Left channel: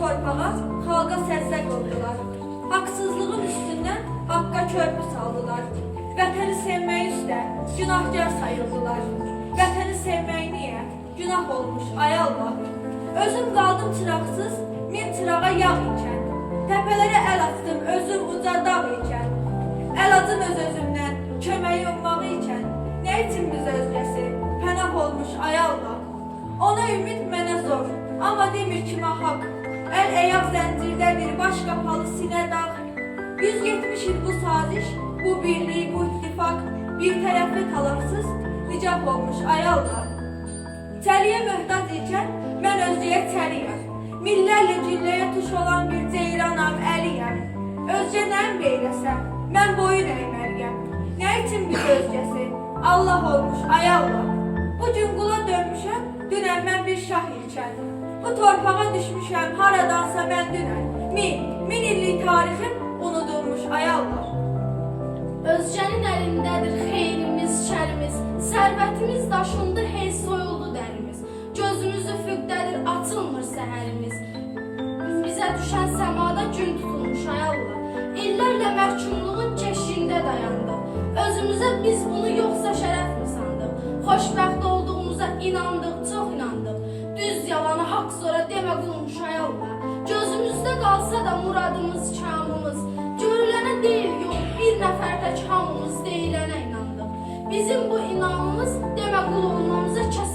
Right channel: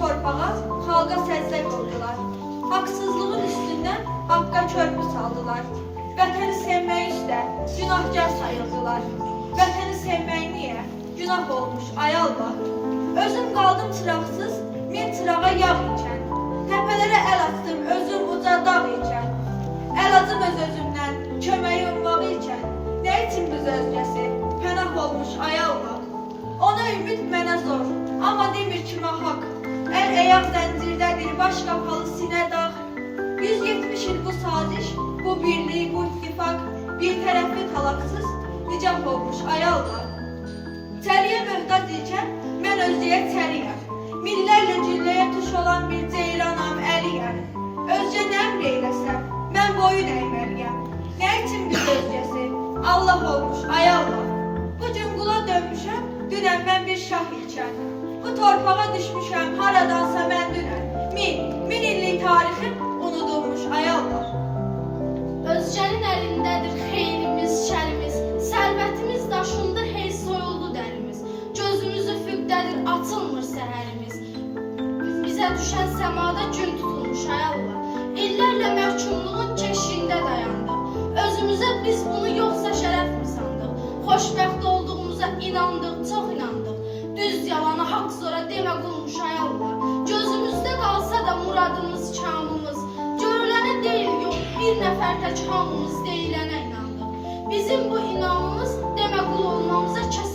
torpağa, xalqa səzzə qıldılar. Haqsızlığın üstündən haqqa körpü saldılar. Vətəni sevmək üstə günahkar sayıldılar. Vətəni sevmək niyə? Günah olmuş, ay Allah. Özüm qaldım çıraqsız, min çırağa yağ ikən. Təpələrə əl atdım, özüm uca dağ ikən. Əl acım öz-özümdən, köməyi ummağı ikən. Nə üçün biz özgəsi, pənah olmuş, ay Allah. Ona ümid mənə zor, amma demir kimə haqq. Əl əyaq zəncirdədir, baş qapalı sinə dağ. 170 il bu saziş, bu birliyi, bu ittifak, bir tərəfli talaqsız, nicah olmuş, ay Allah. Çəliyə möhtac ikən, mən özlüyə çəliyəm. Millərlə gülləyə tuş olan bir ceyranam, əliyəm. Özcə nə əmr eyləsəm, mən boyun əyməliyəm. Nə üçün biz özgəsi, Allah olmuş, ay Allah. Bugün qula dönmüşəm, dünən mən bir şah ikən. Bu torpağa düşmüşəm, haradansa mən dünən. Min illik tarixim unudulmuş, ay Allah. Özgənin əlindədir xeyrimiz, şərimiz, sərvətimiz daşındı, hey soyuldu dərimiz. Gözümüz üfüqdədir, açılmır səhərimiz. Bizə düşən səmada gün tutulmuş, ay Allah. İllərlə məhkumluğun keşiyində dayandıq. Özümüzə biz bunu yoxsa şərəf mi sandıq? Xoşbəxt olduğumuza inandıq, çox inandıq. Düz yalanı haqq zora demə qılmış, ay Allah. Gözümüzdə qalsa da muradımız, kamımız. Görülənə deyil, yox, bir nəfər tək hamımız deyilənə inandıq. Bizim bu inamımız demə qul olmamıza kəs